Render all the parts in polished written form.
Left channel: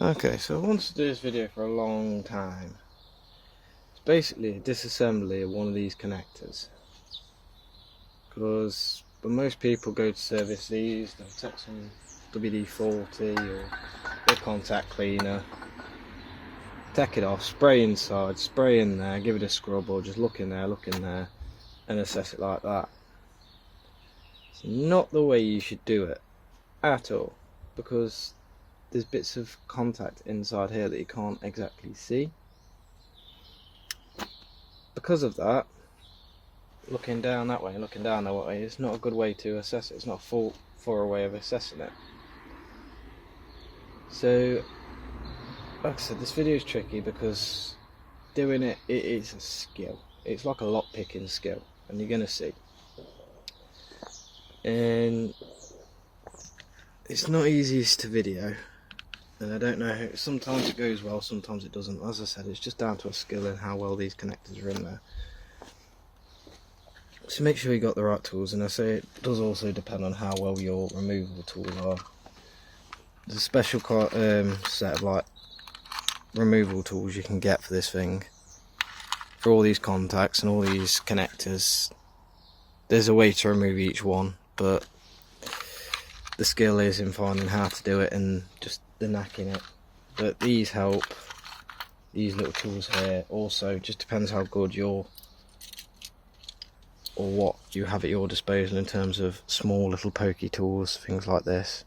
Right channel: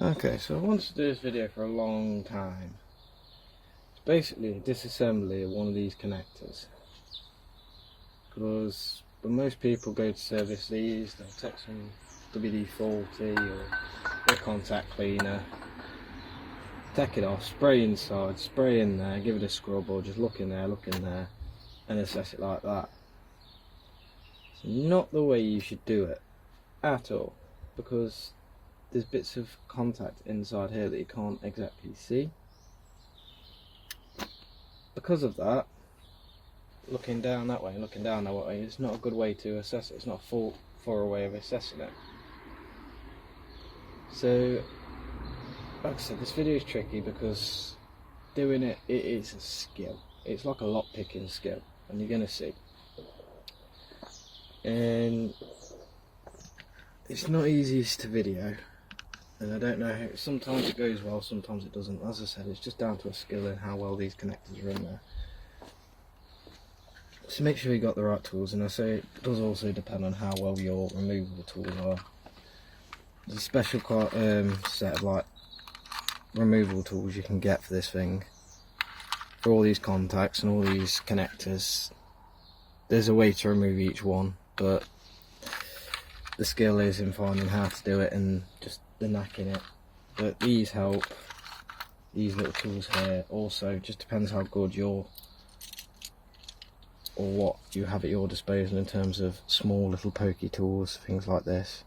Okay, so I wanted to do this video for a long time. It's basically a disassembly of one of these connectors, because when most people go to service these, they'll take some WD-40 or a contact cleaner, take it off, spray inside, spray in there, give it a scrub, or just look in there, and assess it like that. It's not the way you should do it at all, because there's bits of contact inside here that you can't exactly see. Because of that, looking down that way and looking down that way is not a good way to assess it. It's not a full thorough way of assessing it. So, like I said, this video is tricky because doing it is a skill. It's like a lock picking skill, and you're gonna see. And it's not easiest to video. And I don't know how, sometimes it goes well, sometimes it doesn't. As I said, it's just down to a skill and how well these connectors are in there. So make sure you got the right tools, and I say it does also depend on how well your removable tools are. There's a special set of like removable tools you can get for this thing. For all these contacts and all these connectors, there's a way to remove each one, but the skill is in finding how to do it and just the knacking it. But these help, these little tools here. Also just depends how good or what you have at your disposal in terms of small little pokey tools, things like this.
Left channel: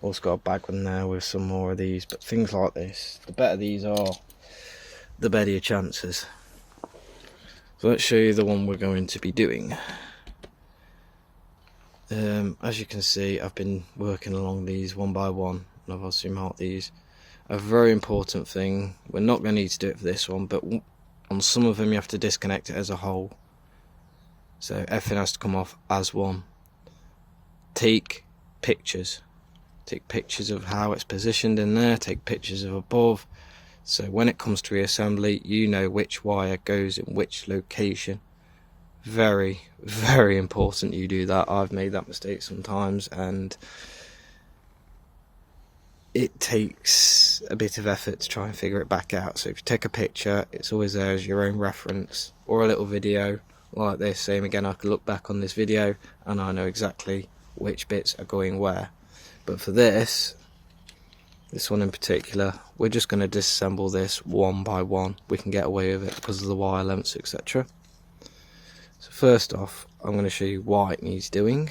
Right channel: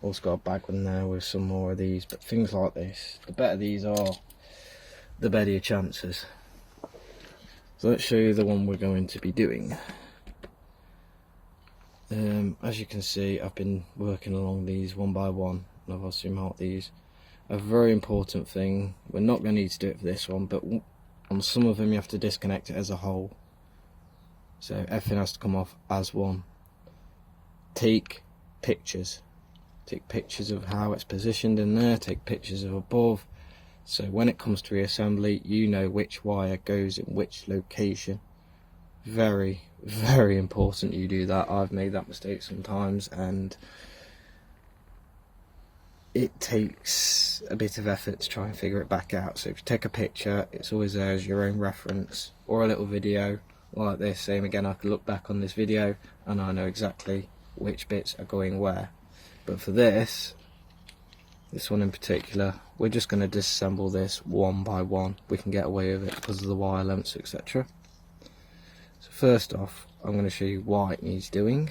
Also got a bag in there with some more of these, but things like this, the better these are, the better your chances. So let's show you the one we're going to be doing. As you can see, I've been working along these one by one, and I've also marked these. A very important thing, we're not going to need to do it for this one, but on some of them you have to disconnect it as a whole. So everything has to come off as one. Take pictures. Take pictures of how it's positioned in there, take pictures of above. So when it comes to reassembly, you know which wire goes in which location. Very, very important you do that. I've made that mistake sometimes, and it takes a bit of effort to try and figure it back out. So if you take a picture, it's always there as your own reference, or a little video like this. Same again, I can look back on this video and I know exactly which bits are going where. But for this one in particular, we're just going to disassemble this one by one. We can get away with it because of the wire lengths, etc. So first off, I'm going to show you why it needs doing.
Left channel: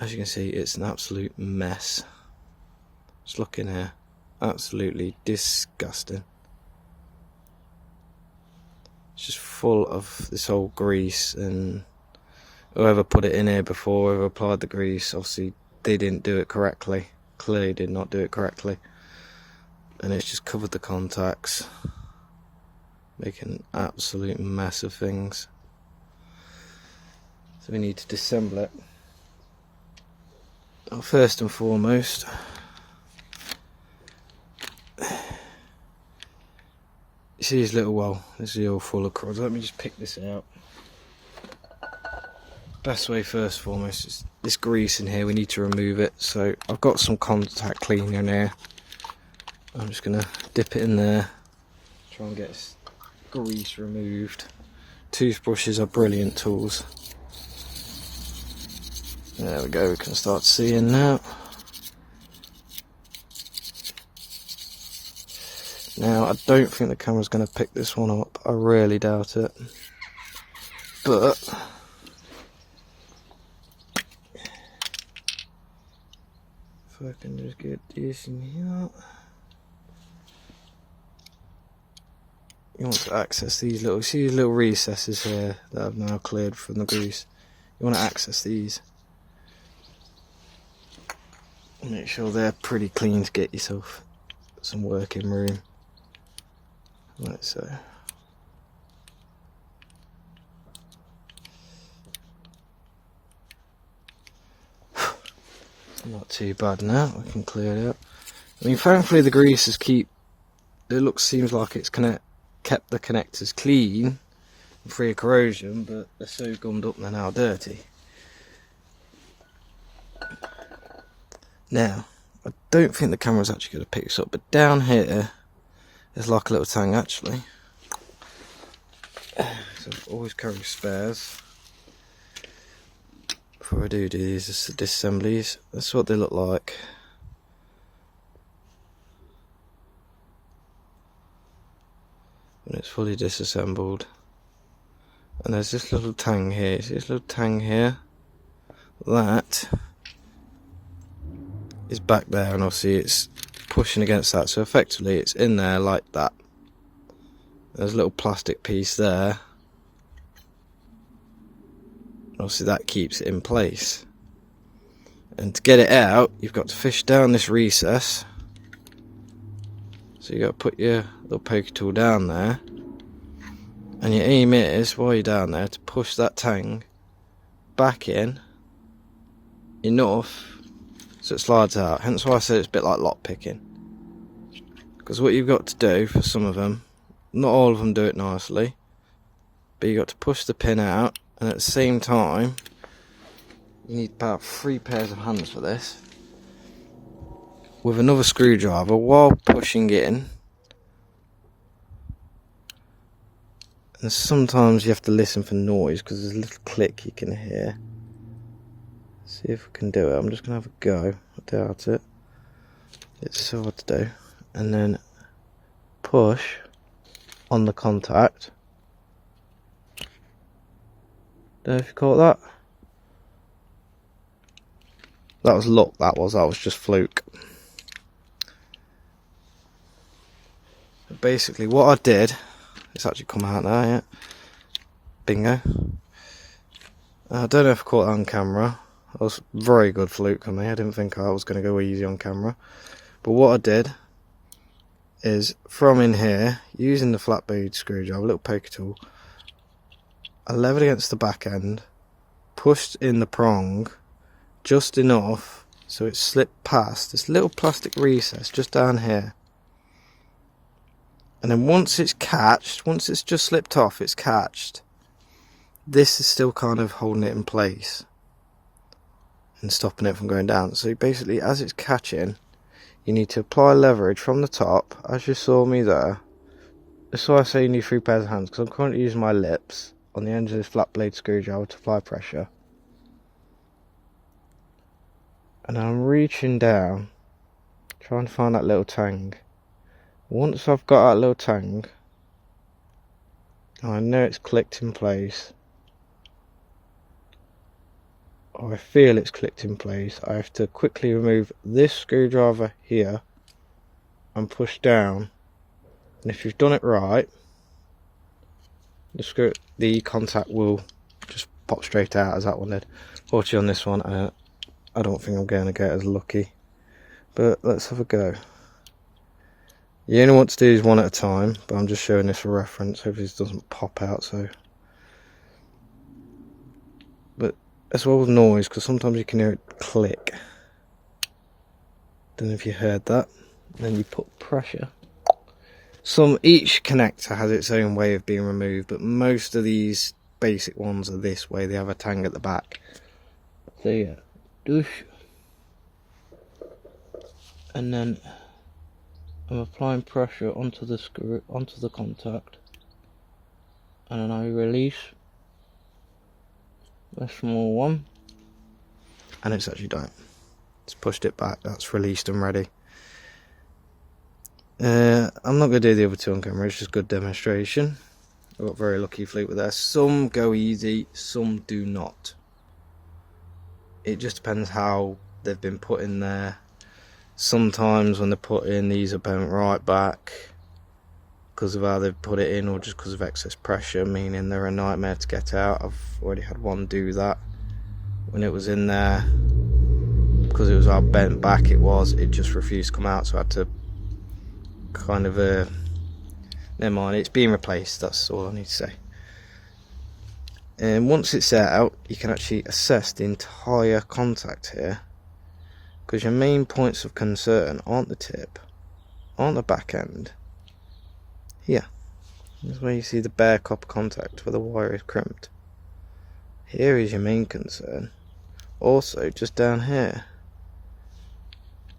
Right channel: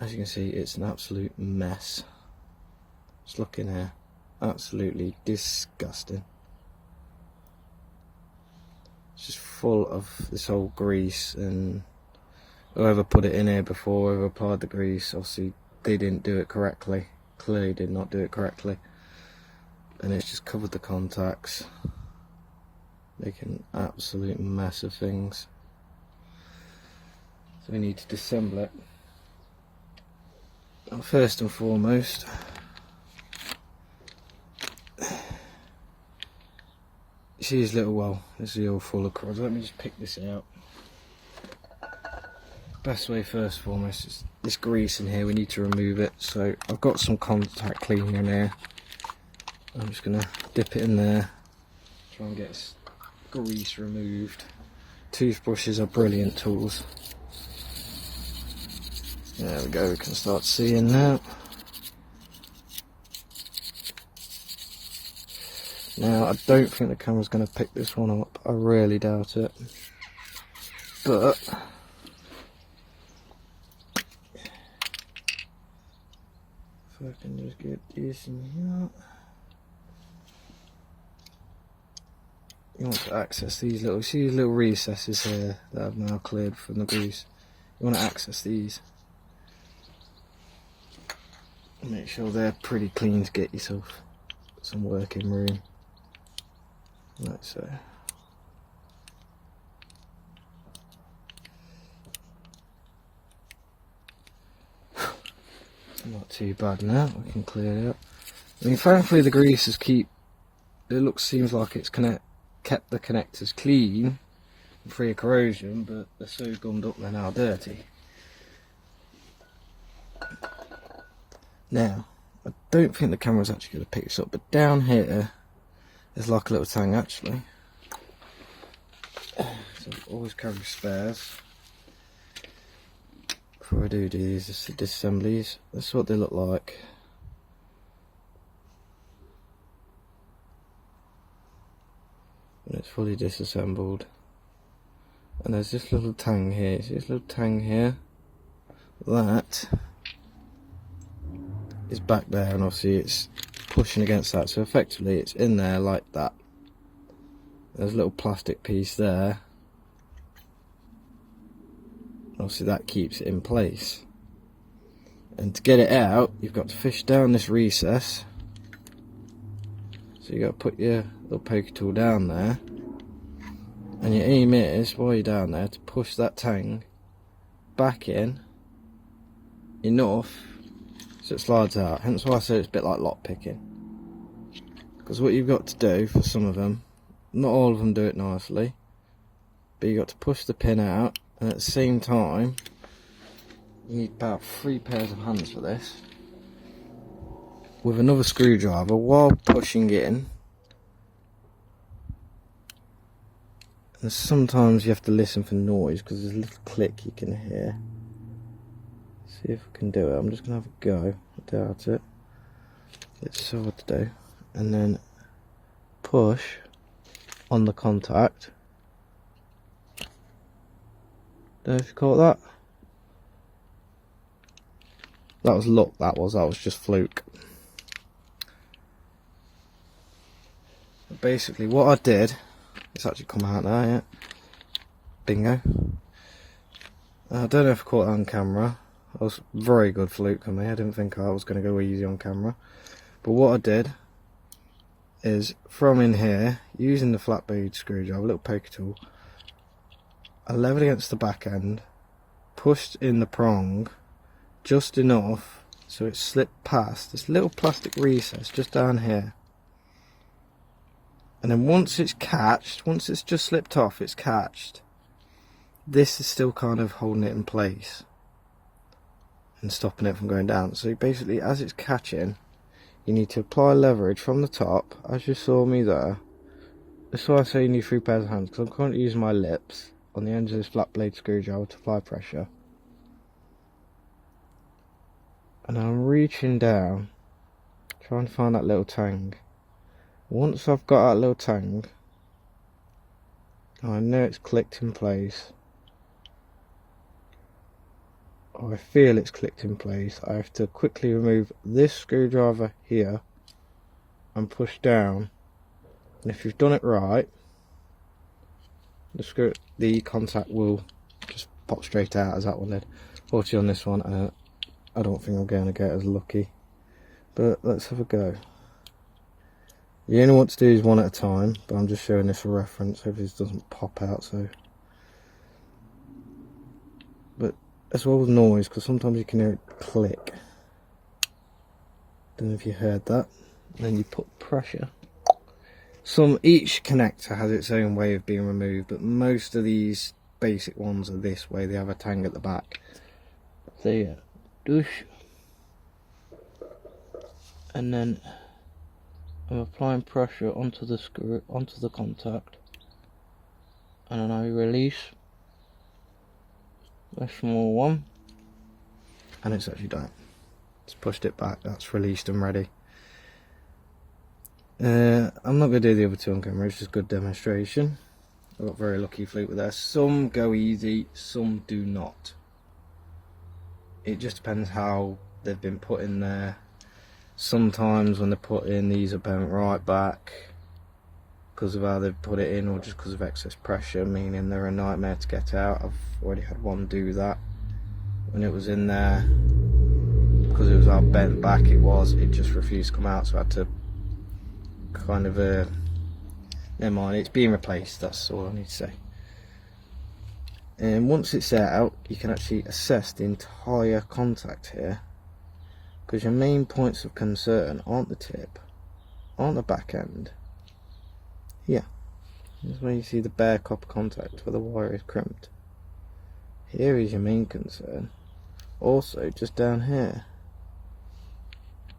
As you can see, it's an absolute mess. Just look in here, absolutely disgusting. It's just full of this old grease, and whoever put it in here before, whoever applied the grease, obviously they didn't do it correctly. Clearly did not do it correctly. And it's just covered the contacts, making an absolute mess of things. So we need to disassemble it. Well, first and foremost, you see this little, well, this is all full of cords. Let me just pick this out. Best way first and foremost is this grease in here, we need to remove it. So I've got some contact cleaner in here. I'm just going to dip it in there, try and get this grease removed. Toothbrushes are brilliant tools. There we go, we can start seeing now. Now I don't think the camera's going to pick this one up, I really doubt it. But if I can just get this in here. You want to access these little, see these little recesses here that I've now cleared from the grease. You want to access these. Make sure they're pretty clean to get yourself some working room. Like so. Not too bad now, we can clear it up. I mean, thankfully the grease is seems like it's kept the connectors clean and free of corrosion, but they're so gummed up and they're now dirty. Now, I don't think the camera's actually going to pick this up, but down here is like a little tang actually. So I always carry spares. Before I do these disassemblies, that's what they look like. When it's fully disassembled. And there's this little tang here. See this little tang here? That is back there, and obviously it's pushing against that, so effectively it's in there like that. There's a little plastic piece there. Obviously that keeps it in place. And to get it out, you've got to fish down this recess. So you got to put your little poker tool down there. And your aim is, while you're down there, to push that tang back in enough so it slides out. Hence why I said it's a bit like lock picking. Because what you've got to do for some of them, not all of them do it nicely, but you've got to push the pin out, and at the same time you need about 3 pairs of hands for this, with another screwdriver while pushing in. And sometimes you have to listen for noise because there's a little click you can hear. See if we can do it. I'm just going to have a go. I doubt it. It's so hard to do. And then push on the contact. Don't know if you caught that. That was luck, that was just fluke. But basically what I did, it's actually come out now, yeah. Bingo. I don't know if I caught that on camera. That was very good fluke on me. I didn't think I was going to go easy on camera. But what I did is, from in here, using the flat blade screwdriver, a little poker tool, I levered against the back end, pushed in the prong just enough so it slipped past this little plastic recess just down here. And then once it's catched, once it's just slipped off, it's catched, this is still kind of holding it in place and stopping it from going down. So basically, as it's catching, you need to apply leverage from the top, as you saw me there. That's why I say you need 3 pairs of hands, because I'm currently using my lips on the end of this flat blade screwdriver to apply pressure. And I'm reaching down, trying to find that little tang. Once I've got that little tang, I know it's clicked in place, or I feel it's clicked in place, I have to quickly remove this screwdriver here and push down. And if you've done it right, the contact will just pop straight out as that one did. Fortunately on this one, I don't think I'm going to get as lucky, but let's have a go. You only want to do these one at a time, but I'm just showing this for reference. Hopefully this doesn't pop out. So, but as well with noise, because sometimes you can hear it click. Don't know if you heard that. And then you put pressure. Each connector has its own way of being removed, but most of these basic ones are this way. They have a tang at the back. So yeah, douche, and then I'm applying pressure onto the screw, onto the contact, and then I release a small one, and it's actually done. It's pushed it back. That's released and ready. I'm not going to do the other two on camera, it's just good demonstration. I got very lucky fluke with that. Some go easy, some do not. It just depends how they've been put in there. Sometimes when they're put in, these are bent right back because of how they've put it in, or just because of excess pressure, meaning they're a nightmare to get out. I've already had one do that when it was in there. Because it was how bent back it just refused to come out, so I had to kind of never mind, it's being replaced, that's all I need to say. And once it's out, you can actually assess the entire contact here, because your main points of concern aren't the tip, aren't the back end. Here, that's where you see the bare copper contact where the wire is crimped. Here is your main concern. Also, just down here,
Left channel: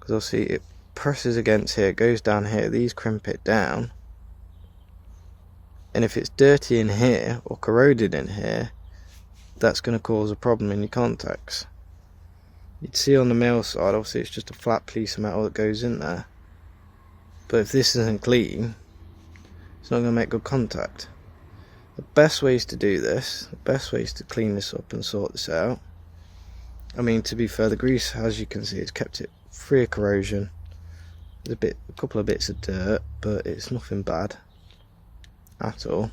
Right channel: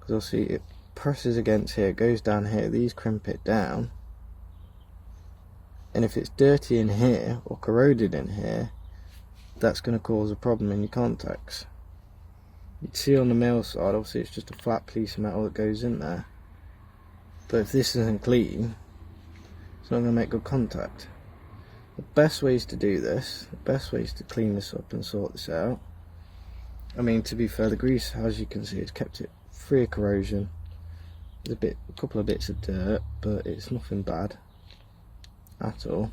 because I'll see it presses against here, it goes down here, these crimp it down, and if it's dirty in here or corroded in here, that's going to cause a problem in your contacts. You'd see on the male side, obviously it's just a flat piece of metal that goes in there, but if this isn't clean, it's not going to make good contact. The best ways to do this, the best ways to clean this up and sort this out, I mean, to be fair, the grease, as you can see, it's kept it free of corrosion. There's a couple of bits of dirt, but it's nothing bad at all.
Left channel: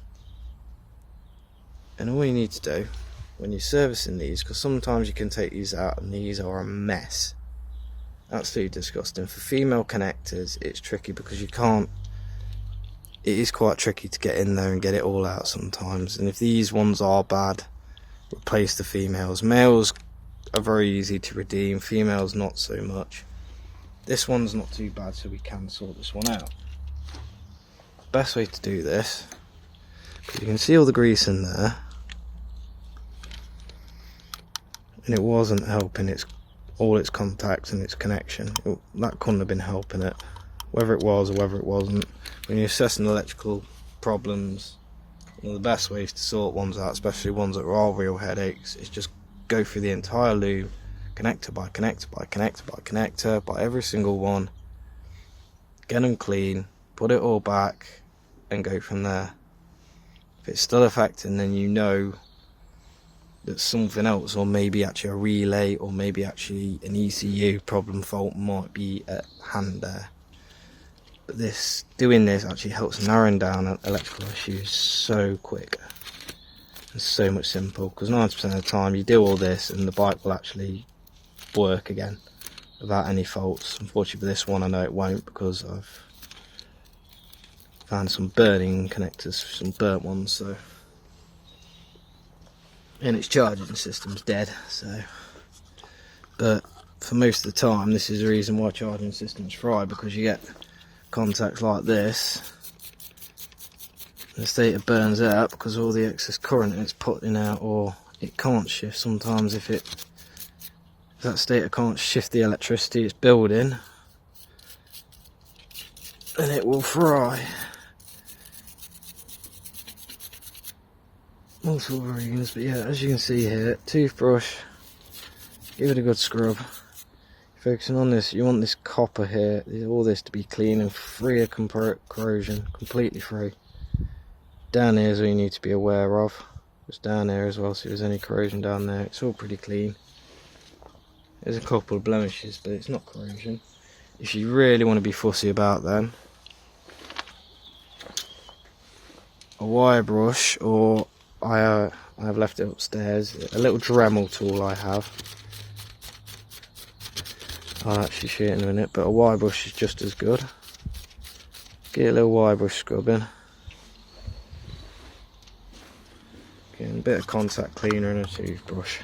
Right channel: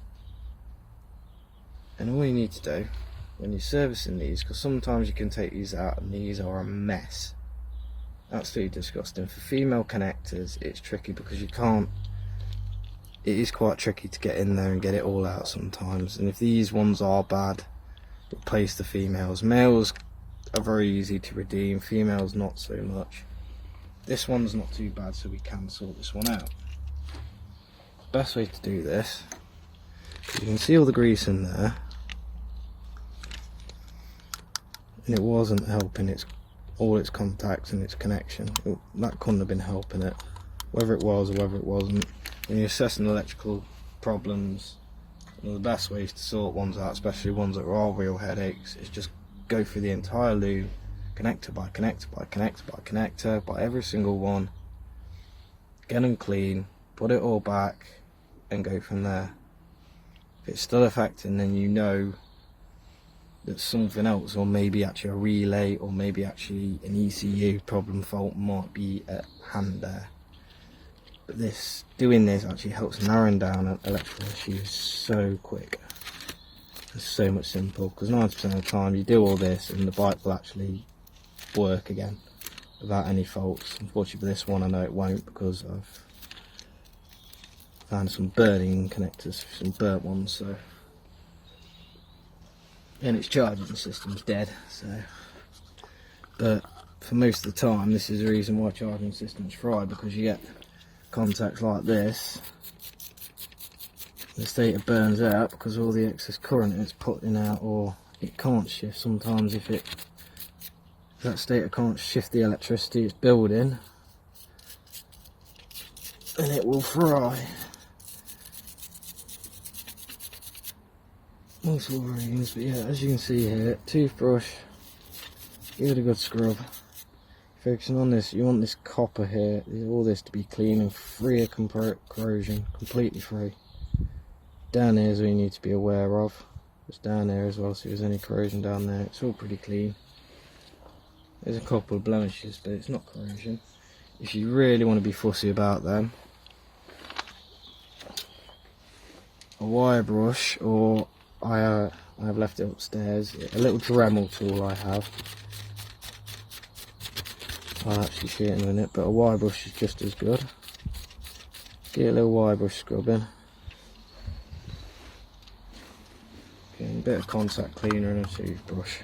And all you need to do when you're servicing these, because sometimes you can take these out and these are a mess, absolutely disgusting. For female connectors it's tricky because you can't, it is quite tricky to get in there and get it all out sometimes, and if these ones are bad, replace the females. Males are very easy to redeem, females not so much. This one's not too bad, so we can sort this one out. Best way to do this, you can see all the grease in there, and it wasn't helping all its contacts and its connection. That couldn't have been helping it, whether it was or whether it wasn't. When you're assessing electrical problems, one of the best ways to sort ones out, especially ones that are real headaches, is just go through the entire loom, connector by connector by connector by connector, by every single one, get them clean, put it all back, and go from there. If it's still affecting, then you know that something else, or maybe actually a relay, or maybe actually an ECU problem fault might be at hand there. But doing this actually helps narrowing down electrical issues so quick. It's so much simple, because 90% of the time you do all this and the bike will actually work again without any faults. Unfortunately for this one I know it won't, because I've found some burning connectors, some burnt ones, so, and its charging system's dead, so. But for most of the time this is the reason why charging systems fry, because you get contacts like this, the stator burns out because all the excess current it's putting out, or it can't shift sometimes. If that stator can't shift the electricity it's building, then it will fry. Multiple reasons, but yeah, as you can see here, toothbrush, give it a good scrub. Focusing on this, you want this copper here, all this to be clean and free of corrosion, completely free. Down here is what you need to be aware of. Just down there as well, see if there's any corrosion down there. It's all pretty clean. There's a couple of blemishes, but it's not corrosion. If you really want to be fussy about them, a wire brush, or I have left it upstairs, a little Dremel tool I have. I'll actually show it in a minute, but a wire brush is just as good. Get a little wire brush scrubbing. Getting a bit of contact cleaner and a toothbrush.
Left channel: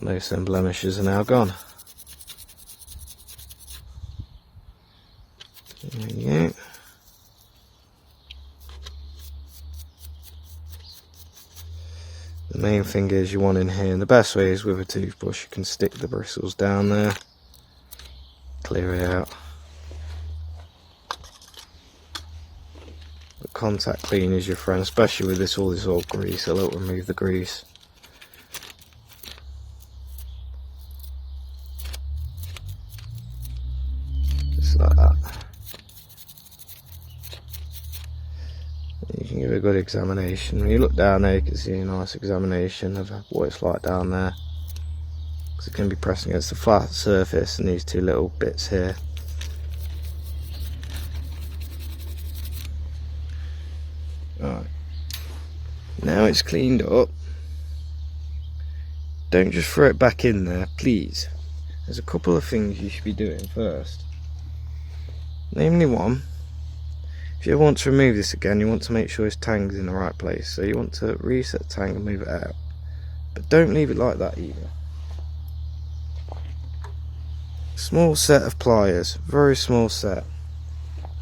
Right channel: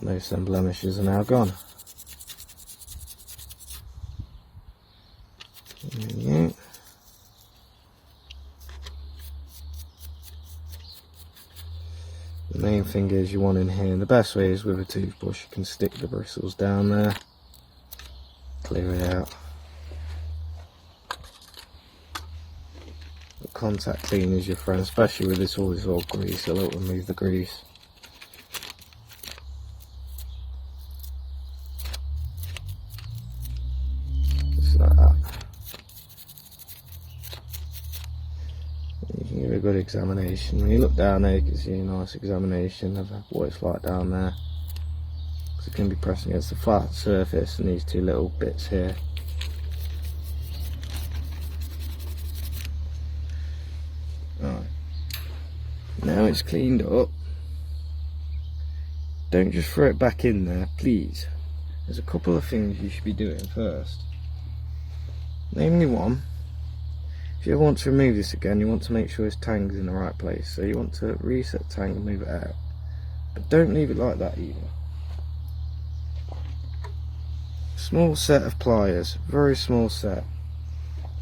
And those some blemishes are now gone. There you go. The main thing is you want in here, and the best way is with a toothbrush. You can stick the bristles down there, clear it out. But contact clean is your friend, especially with all this old grease. It'll remove the grease. Just like that. You can give it a good examination. When you look down there, you can see a nice examination of what it's like down there. Because it can be pressing against the flat surface and these two little bits here. Alright. Now it's cleaned up. Don't just throw it back in there, please. There's a couple of things you should be doing first. Namely one, if you want to remove this again, you want to make sure its tang's in the right place. So you want to reset the tang and move it out. But don't leave it like that either. Small set of pliers, very small set.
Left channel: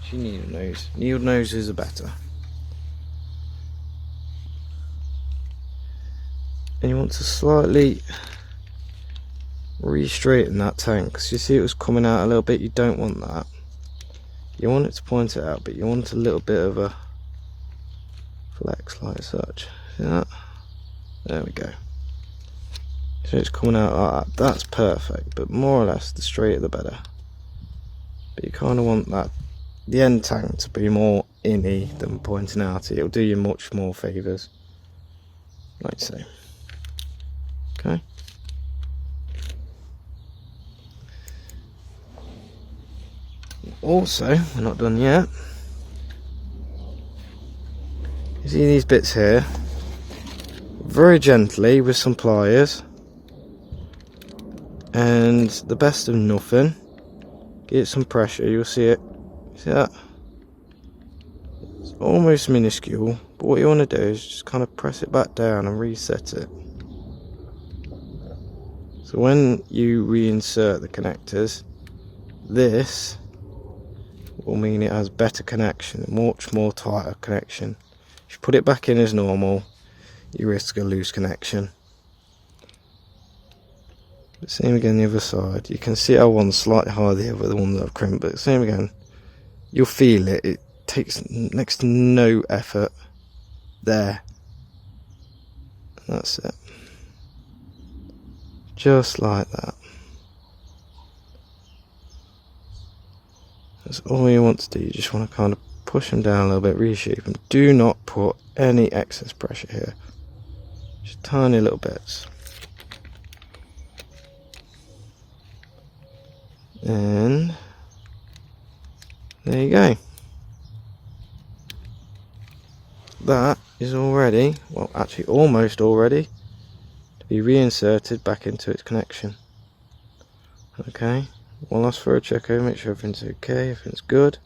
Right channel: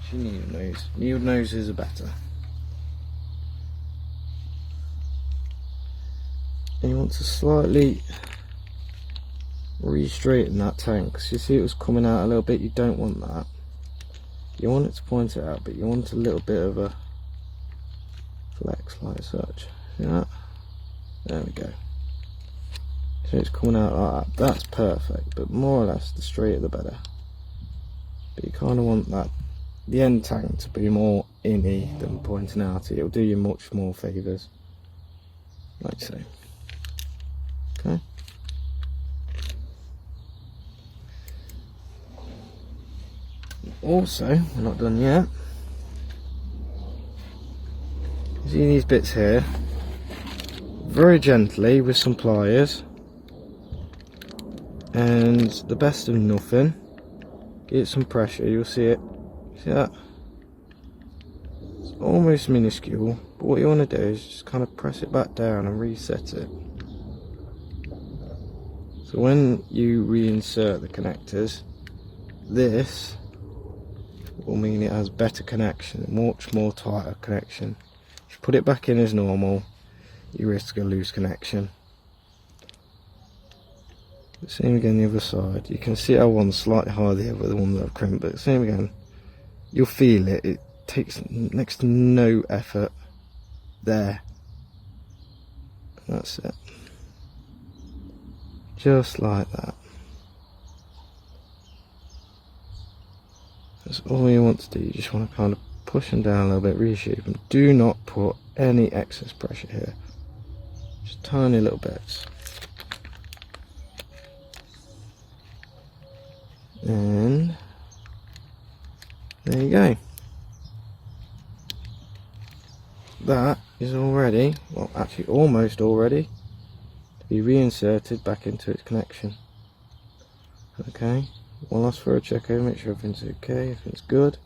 She needle nose. Needle noses are better. And you want to slightly re-straighten that tank, because you see it was coming out a little bit. You don't want that. You want it to point it out, but you want a little bit of a flex like such. See that? There we go. So it's coming out like that. That's perfect, but more or less the straighter the better. But you kind of want that, the end tank, to be more inny than pointing out. It'll do you much more favours, like so. Okay. Also, we're not done yet. You see these bits here? Very gently with some pliers, and the best of nothing, get some pressure. You'll see it. See that? It's almost minuscule, but what you want to do is just kind of press it back down and reset it. So when you reinsert the connectors, this will mean it has better connection, much more tighter connection. If you put it back in as normal, you risk a loose connection. But same again the other side. You can see how one's slightly higher than the other, the one that I've crimped, but same again. You'll feel it. It takes next to no effort. There. And that's it. Just like that. That's all you want to do. You just want to kind of push them down a little bit, reshape them. Do not put any excess pressure here. Just tiny little bits. And there you go. That is already, well actually almost already, to be reinserted back into its connection. Okay, one last thorough check over, make sure everything's okay, everything's good.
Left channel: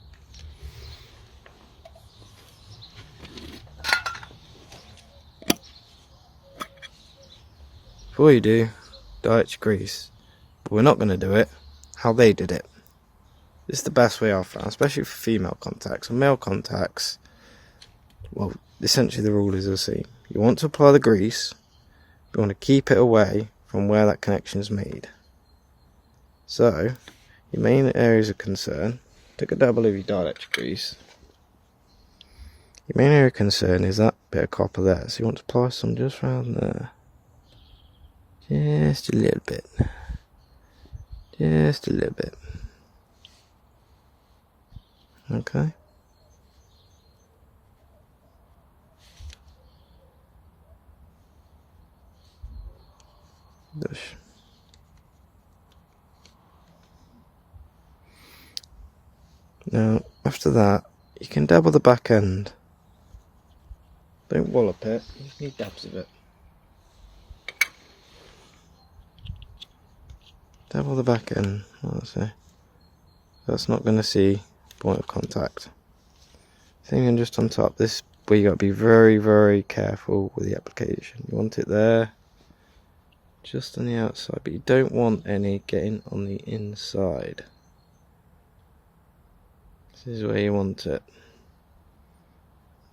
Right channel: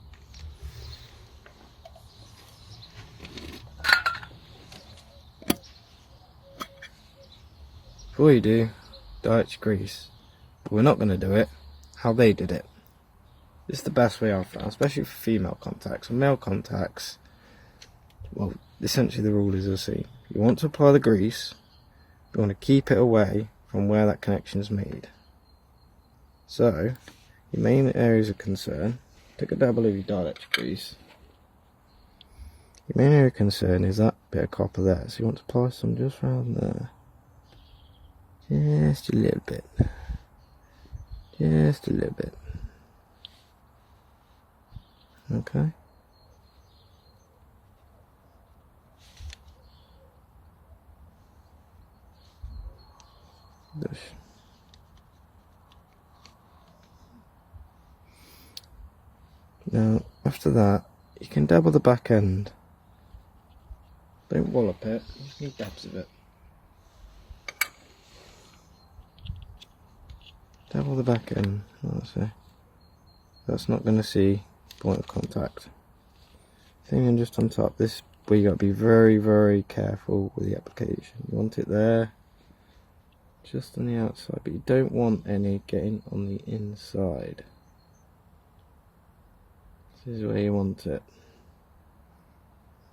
Before you do, dielectric grease, but we're not going to do it how they did it. This is the best way I've found, especially for female contacts. And male contacts, well, essentially the rule is the same. You want to apply the grease, but you want to keep it away from where that connection is made. So, your main areas of concern, take a dabble of your dielectric grease. Your main area of concern is that bit of copper there, so you want to apply some just around there. Just a little bit. Just a little bit. Okay. Now, after that, you can dabble the back end. Don't wallop it, just need dabs of it. Dabble the back end, what I say. That's not going to see point of contact. Same just on top. This where you got to be very, very careful with the application. You want it there, just on the outside, but you don't want any getting on the inside. This is where you want it.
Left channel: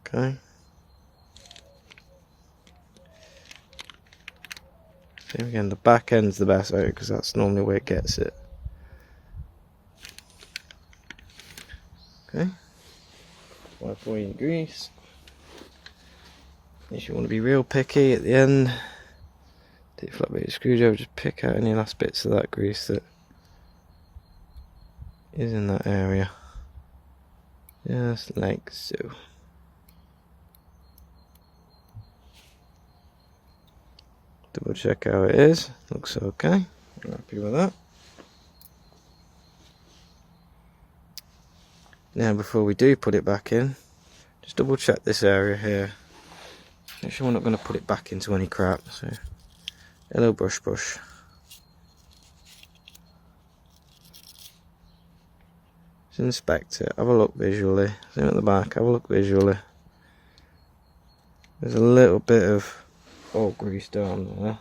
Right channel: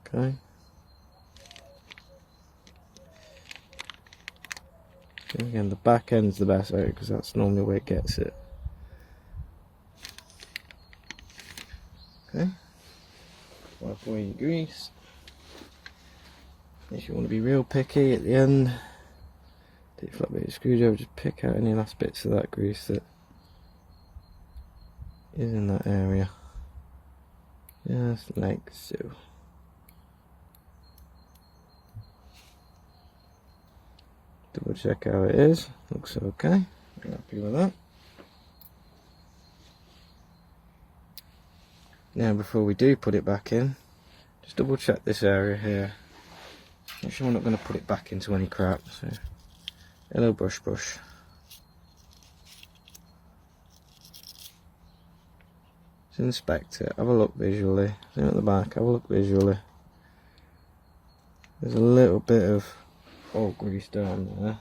Okay. Same again, the back end's the best out because that's normally where it gets it. Okay. Wipe away your grease. If you want to be real picky at the end, take a flat bit of screwdriver, just pick out any last bits of that grease that is in that area. Just like so. Double check how it is. Looks okay. I'm happy with that. Now before we do put it back in, just double check this area here. Make sure we're not going to put it back into any crap. So a little brush. Just inspect it, have a look visually. Same at the back, have a look visually. There's a little bit of old grease down there,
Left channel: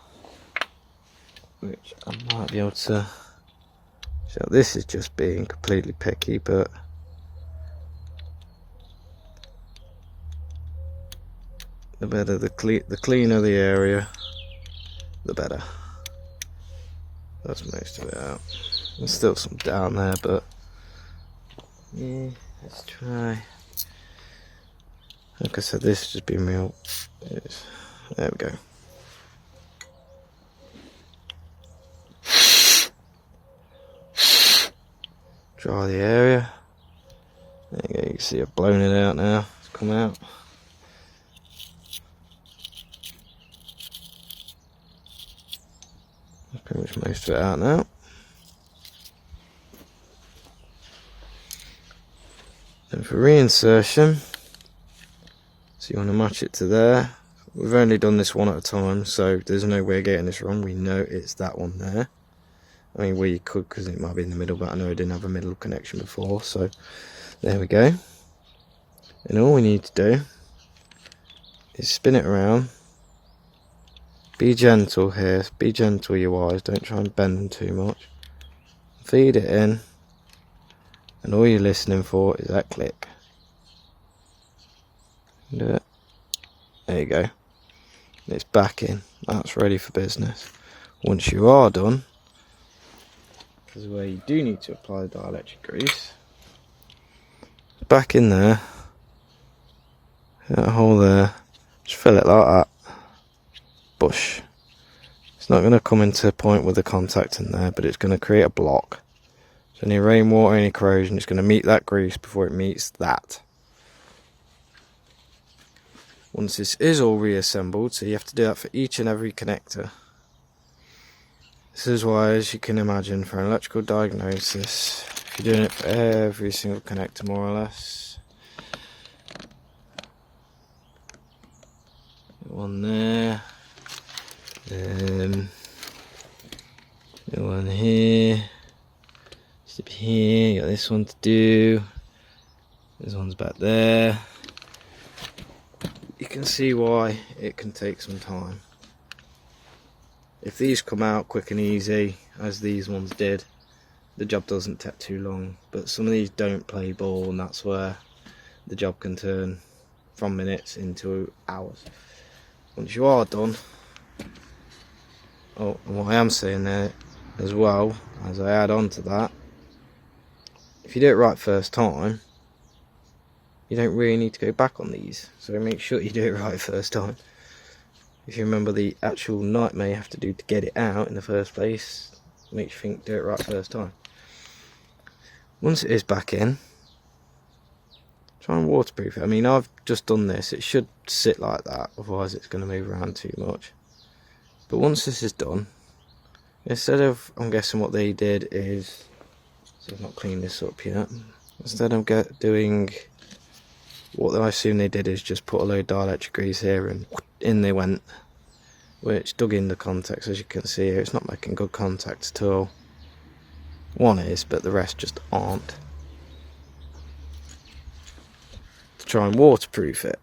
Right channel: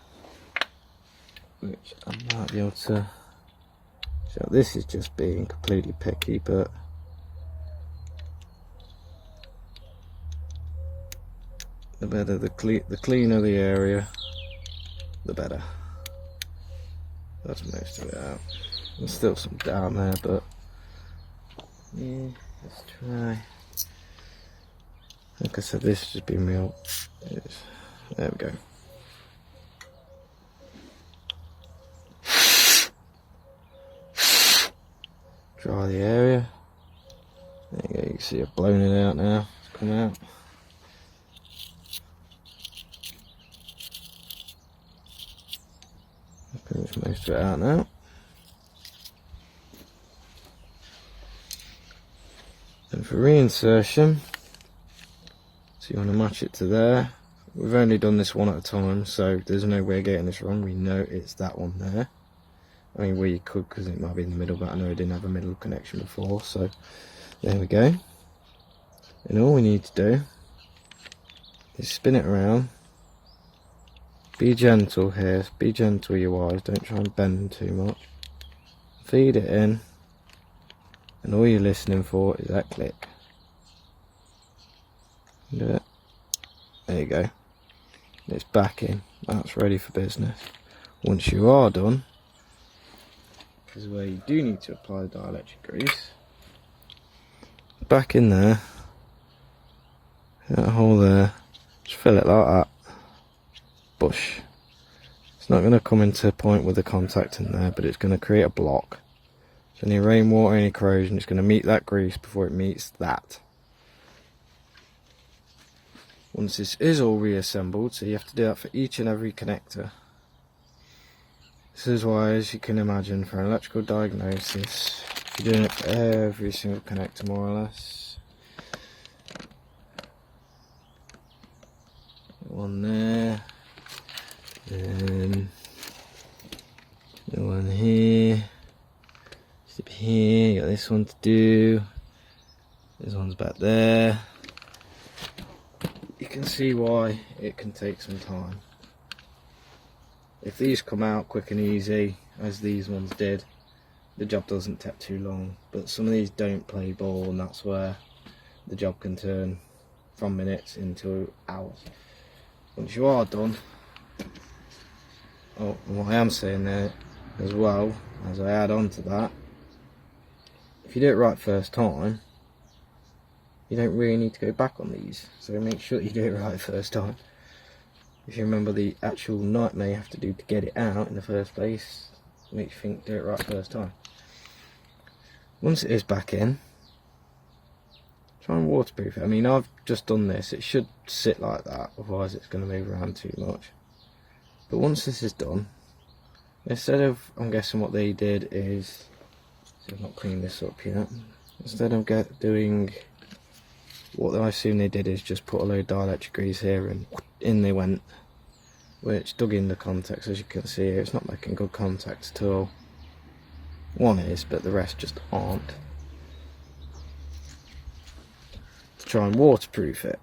which I might be able to. So this is just being completely picky, but the better the cleaner the area, the better. That's most of it out. There's still some down there, but yeah, let's try. Like I said, this has just been real. There we go. Dry the area. There you go, you can see I've blown it out now. It's come out. That's pretty much most of it out now. And for reinsertion, so you want to match it to there. We've only done this one at a time, so there's no way of getting this wrong. We know it's that one there. I mean, well, you could, because it might be in the middle, but I know I didn't have a middle connection before, so there we go. And all we need to do is spin it around. Be gentle here, be gentle your wires, don't try and bend them too much. Feed it in, and all you're listening for is that click. Do it. There you go. It's back in, that's ready for business. Once you are done, this is where you do need to apply the dielectric grease. Back in there, that hole there, just fill it like that. Bush. It's not going to come into a point with the contact in there, but it's going to create a block. So any rainwater, any corrosion, it's going to meet that grease before it meets that. Once this is all reassembled, so you have to do that for each and every connector. This is why, as you can imagine, for an electrical diagnosis, if you're doing it for every single connector more or less. One there, one here, step here, you got this one to do, this one's back there. You can see why it can take some time. If these come out quick and easy, as these ones did, the job doesn't take too long. But some of these don't play ball, and that's where the job can turn from minutes into hours. Once you are done, oh, and what I am saying there as well, as I add on to that, if you do it right first time, you don't really need to go back on these. So make sure you do it right first time. If you remember the actual nightmare you have to do to get it out in the first place, makes you think do it right first time. Once it is back in, try and waterproof it. I mean, I've just done this, it should sit like that, otherwise it's going to move around too much. But once this is done, instead of, I'm guessing what they did is, so I've not cleaned this up yet, instead of doing, what I assume they did is just put a load of dielectric grease here and in they went, which dug in the contacts. As you can see here, it's not making good contact at all. One is, but the rest just aren't. To try and waterproof it,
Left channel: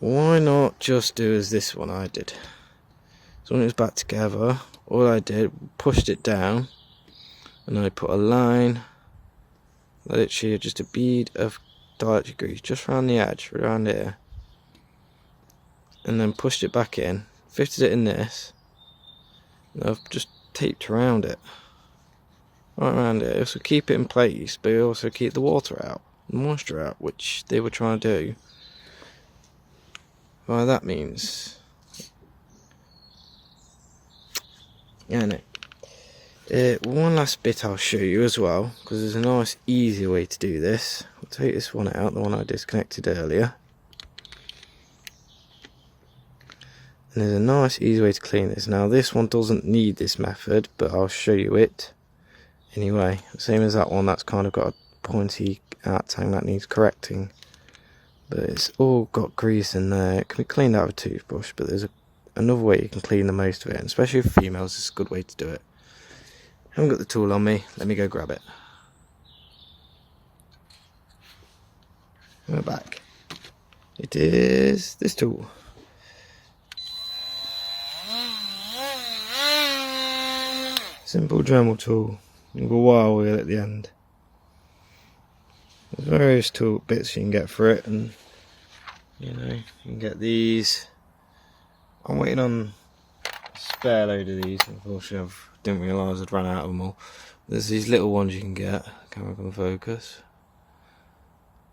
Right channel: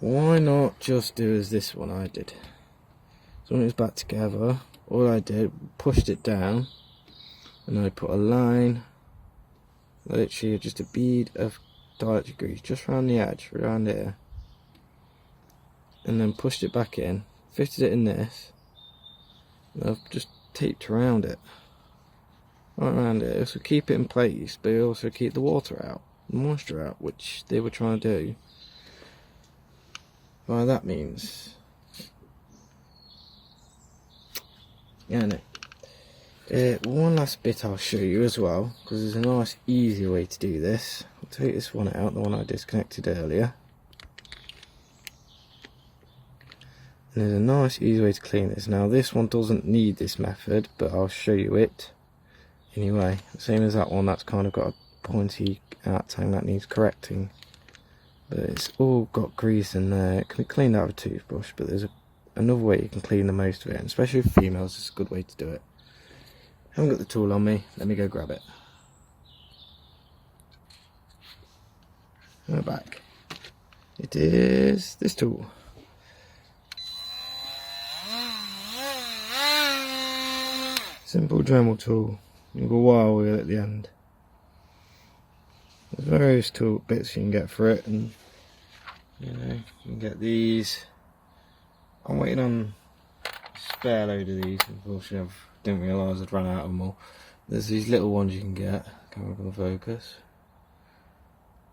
why not just do as this one I did? So when it was back together, all I did, pushed it down, and I put a line, literally just a bead of dielectric grease just around the edge, around here, and then pushed it back in, fitted it in this, and I've just taped around it, right around it. So keep it in place, but also keep the water out, the moisture out, which they were trying to do. Well, that means, yeah, one last bit I'll show you as well, because there's a nice easy way to do this. I'll take this one out, the one I disconnected earlier, and there's a nice easy way to clean this. Now this one doesn't need this method, but I'll show you it anyway. Same as that one, that's kind of got a pointy out tang that needs correcting, but it's all got grease in there. It can be cleaned out with a toothbrush, but there's another way you can clean the most of it, and especially for females, it's a good way to do it. I haven't got the tool on me, let me go grab it. We're back. It is this tool. Simple Dremel tool. You've got a wire wheel at the end. There's various tool bits you can get for it, and you know, you can get these. I'm waiting on spare load of these. Unfortunately, I didn't realise I'd run out of them all. There's these little ones you can get, camera can focus,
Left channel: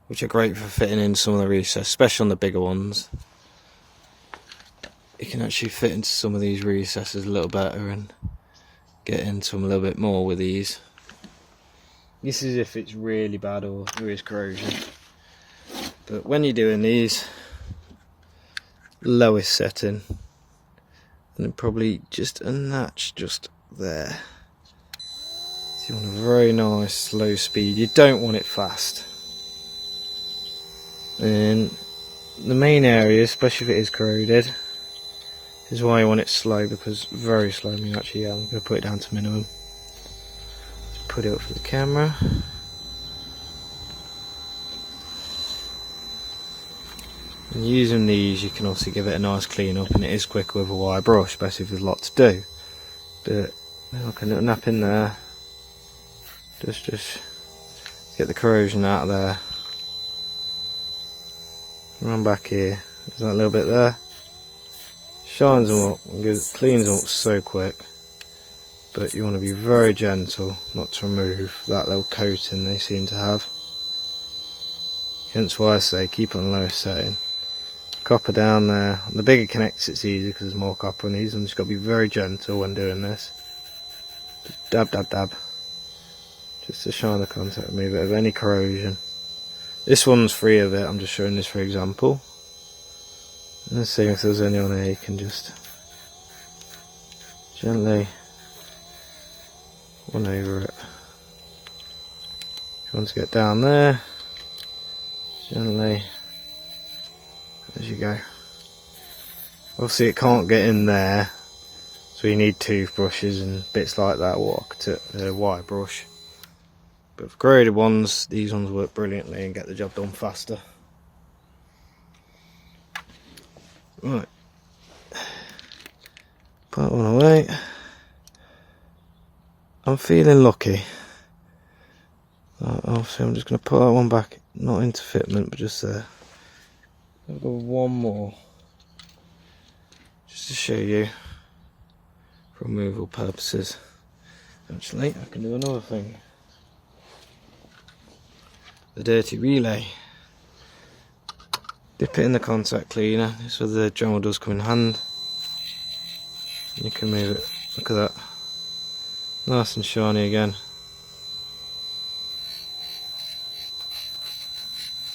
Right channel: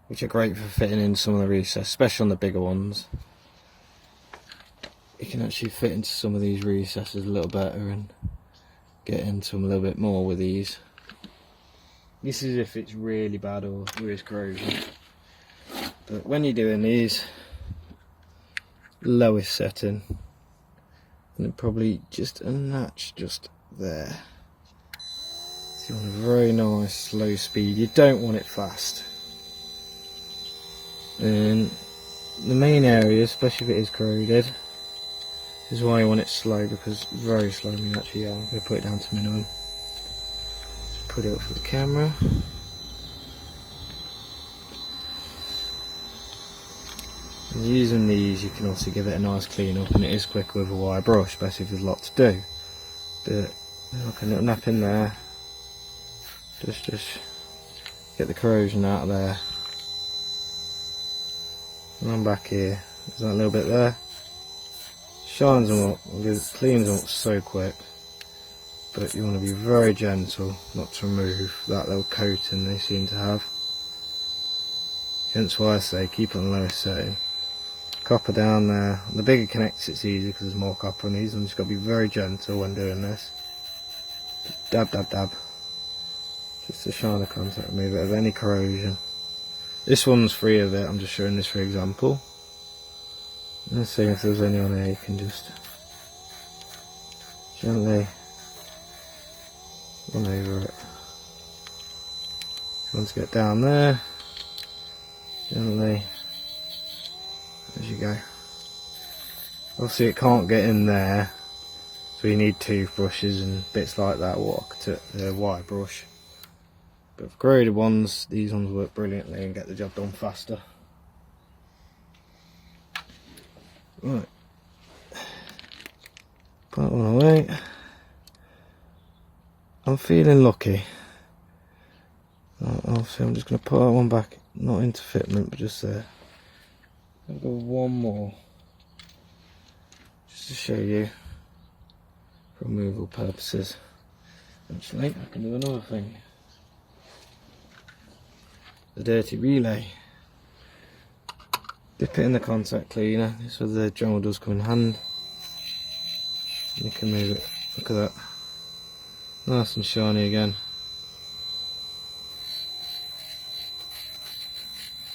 which are great for fitting in some of the recesses, especially on the bigger ones. You can actually fit into some of these recesses a little better and get into them a little bit more with these. This is if it's really bad or there is corrosion. But when you're doing these, lowest setting, and then probably just a notch just there. So you want a very nice slow speed. You don't want it fast. And the main area, especially if it is corroded, is why I want it slow, because very slow means actually, yeah, I'm going to put it down to minimum. Put it up for the camera. And using these, you can also give it a nice clean up, and it is quicker with a wire brush, especially if there's a lot to do. But like a little nap in there, just get the corrosion out of there. Run back here, there's that little bit there. Shines them up, cleans them up so quick. But you want to be very gentle not to remove that little coating they seem to have. Hence why I say keep it on the lowest setting. Copper down there. On the bigger connects it's easier because there's more copper on these ones. You've got to be very gentle when doing this. Just dab, dab, dab. Just to shine the contact, remove it of any corrosion. This one's free of it, I'm just showing this for example. And let's see if there's any on there, you can just gently run over it. If you want to get down there, gently, as you go. Obviously it can't get in there, so you need toothbrushes and bits like that, or a wire brush. But for corroded ones, these ones work brilliantly and get the job done faster. Right, put that one away. I'm feeling lucky. Obviously I'm just going to put that one back, not into fitment, but just there. I'll go one more, just to show you, for removal purposes. Actually, I can do another thing. The dirty relay. Dip it in the contact cleaner, so the Dremel does come in hand. And you can move it, look at that. Nice and shiny again.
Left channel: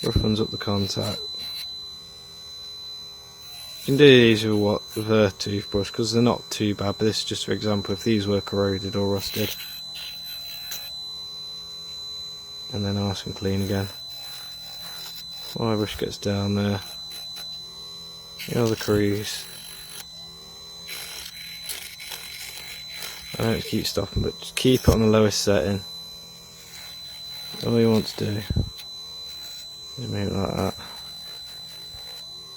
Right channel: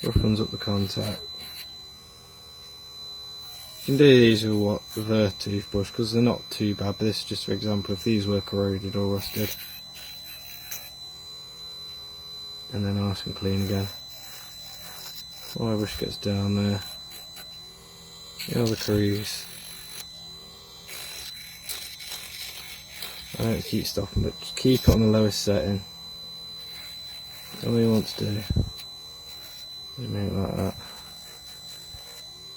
Roughens up the contact. You can do these with the Vert toothbrush because they're not too bad, but this is just for example if these were corroded or rusted. And then nice and clean again. My brush gets down there. The other crease. I don't keep stopping, but just keep it on the lowest setting. All you want to do is make it like that.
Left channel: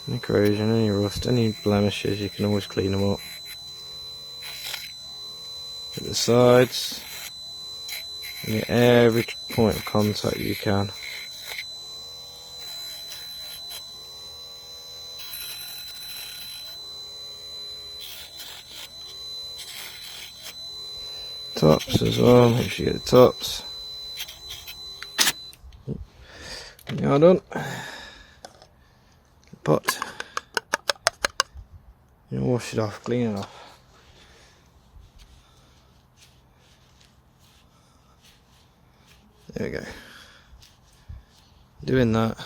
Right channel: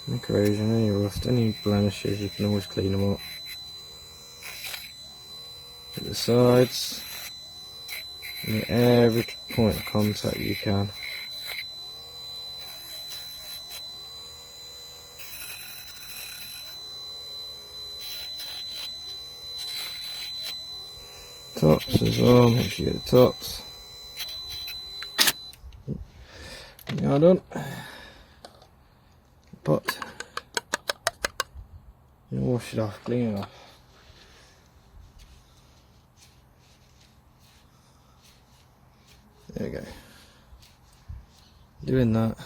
Any corrosion, any rust, any blemishes, you can always clean them up. At the sides, and at every point of contact you can. Tops as well, make sure you get the tops. You're done. But you wash it off, clean it off. There we go. Doing that,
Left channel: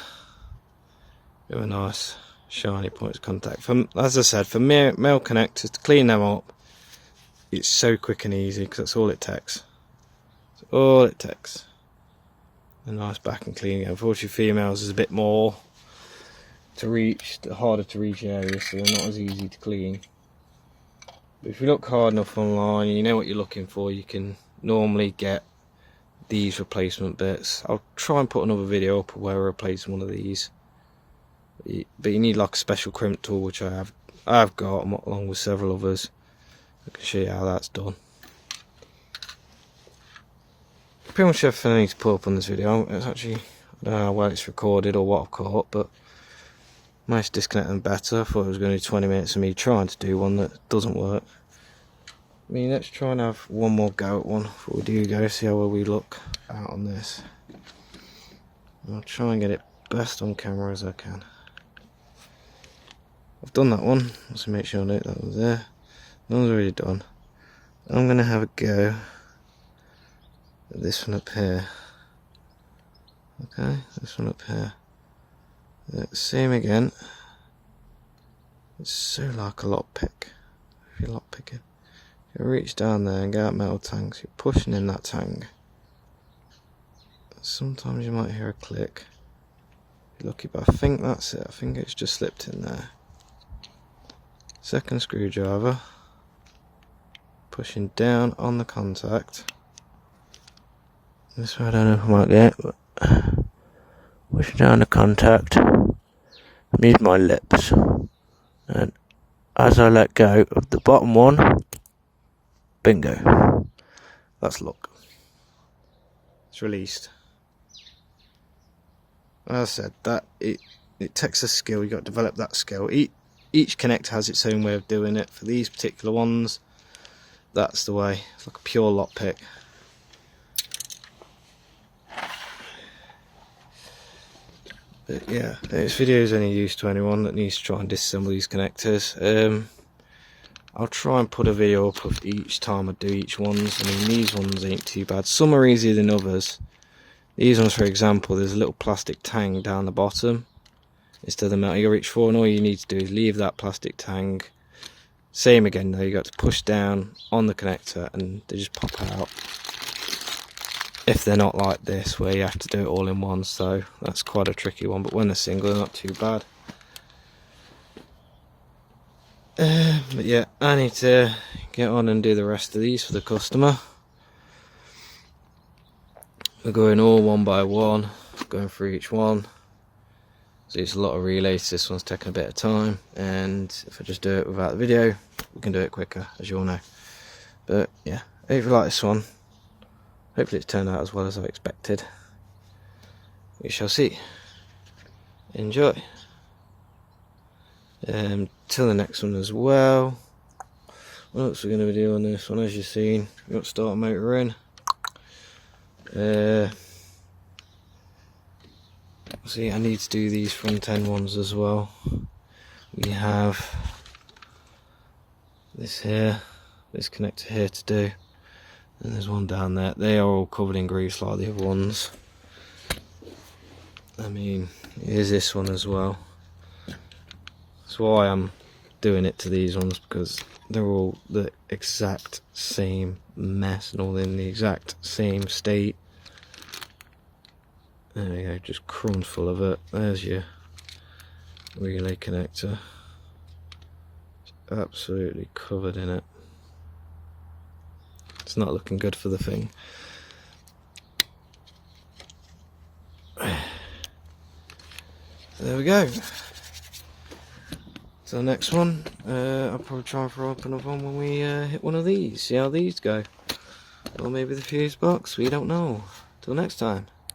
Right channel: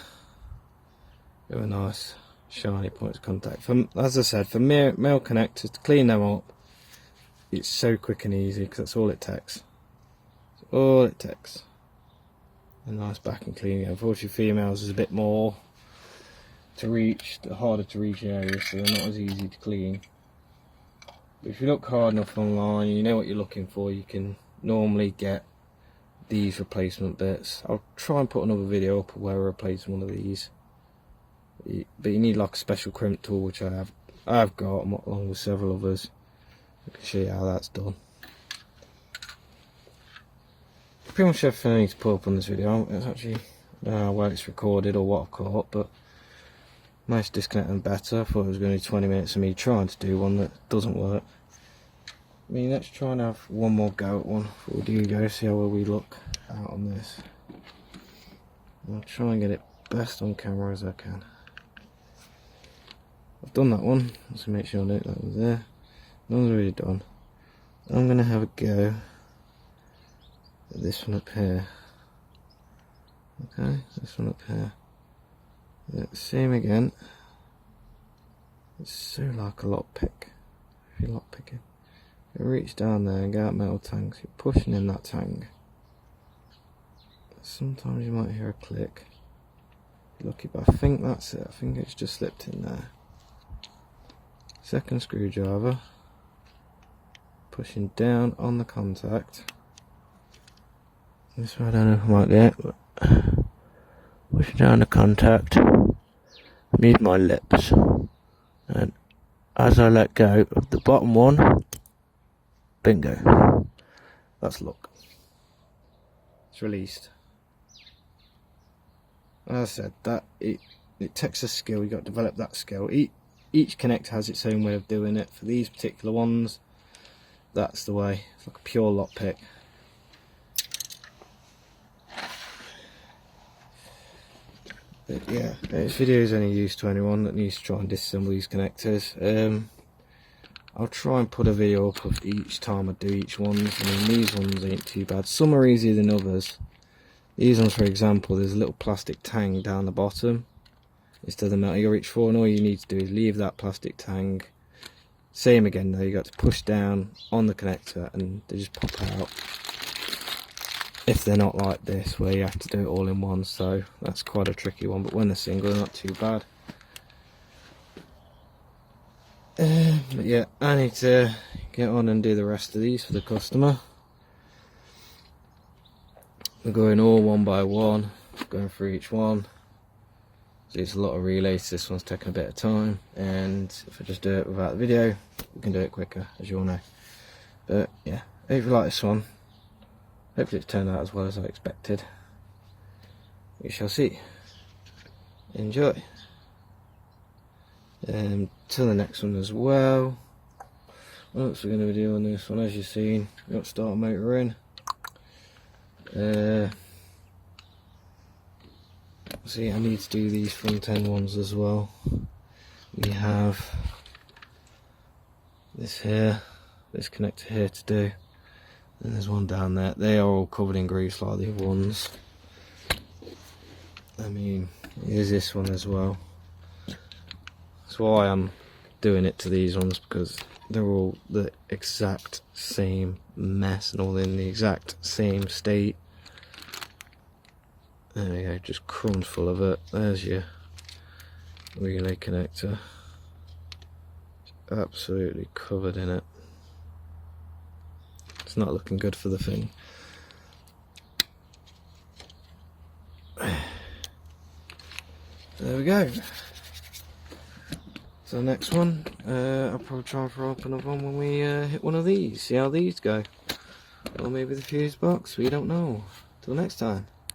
with a nice shiny points of contact. As I said, for male connectors, to clean them up, it's so quick and easy because that's all it takes. That's all it takes. A nice back and clean. Unfortunately, females is a bit more to reach, harder to reach areas, so they're not as easy to clean. But if you look hard enough online, you know what you're looking for, you can normally get these replacement bits. I'll try and put another video up where we're replacing one of these. But you need like a special crimp tool, which I've got along with several others. I can show you how that's done. Pretty much everything I need to put up on this video. It's actually, I don't know how well it's recorded or what I've caught, but I managed to disconnect them better. I thought it was going to be 20 minutes of me trying to do one that doesn't work. I mean, let's try and have one more go at one before we do go, see how well we look out on this. I'll try and get it best on camera as I can. I've done that one, just to make sure I know that was there. That one's already done. I'm going to have a go at this one up here. Okay, this one up here. Same again. It's so like a lockpick. If you're lockpicking, you reach down there and get out metal tanks. You're pushing in that tank. Sometimes you might hear a click. You're lucky, but I think that's it. I think it's just slipped in there. Second screwdriver. Pushing down on the contact. This way I don't know if I might get it, but pushing down the contact. Use my lips. And as I let go of the bottom one, bingo. That's luck. It's released. As I said, that it takes a skill. You've got to develop that skill. Each connector has its own way of doing it. For these particular ones, that's the way. It's like a pure lockpick. But yeah, this video is only use to anyone that needs to try and disassemble these connectors. I'll try and put a video up of each time I do each ones. I mean, these ones ain't too bad. Some are easier than others. These ones, for example, there's a little plastic tang down the bottom instead of the metal you reach for, and all you need to do is leave that plastic tang. Same again though, you got to push down on the connector and they just pop out. If they're not like this, where you have to do it all in one, so that's quite a tricky one, but when they're single, they're not too bad. But yeah, I need to get on and do the rest of these for the customer. We're going all one by one, going through each one. So it's a lot of relays, this one's taking a bit of time, and if I just do it without the video, we can do it quicker, as you all know. But yeah, if you like this one, hopefully it's turned out as well as I expected. We shall see. Enjoy. Till the next one as well. What else are we going to do on this one? As you've seen, we've got starter motor in. See, I need to do these front end ones as well. We have this here, this connector here to do, and there's one down there. They are all covered in grease like the other ones. I mean, here's this one as well. That's why I'm doing it to these ones, because they're all the exact same mess and all in the exact same state. There we go, just crumbs full of it. There's your relay connector. It's absolutely covered in it. It's not looking good for the thing. There we go. So the next one, I'll probably try and throw up another one when we hit one of these. See how these go. Or maybe the fuse box, we don't know. Till next time.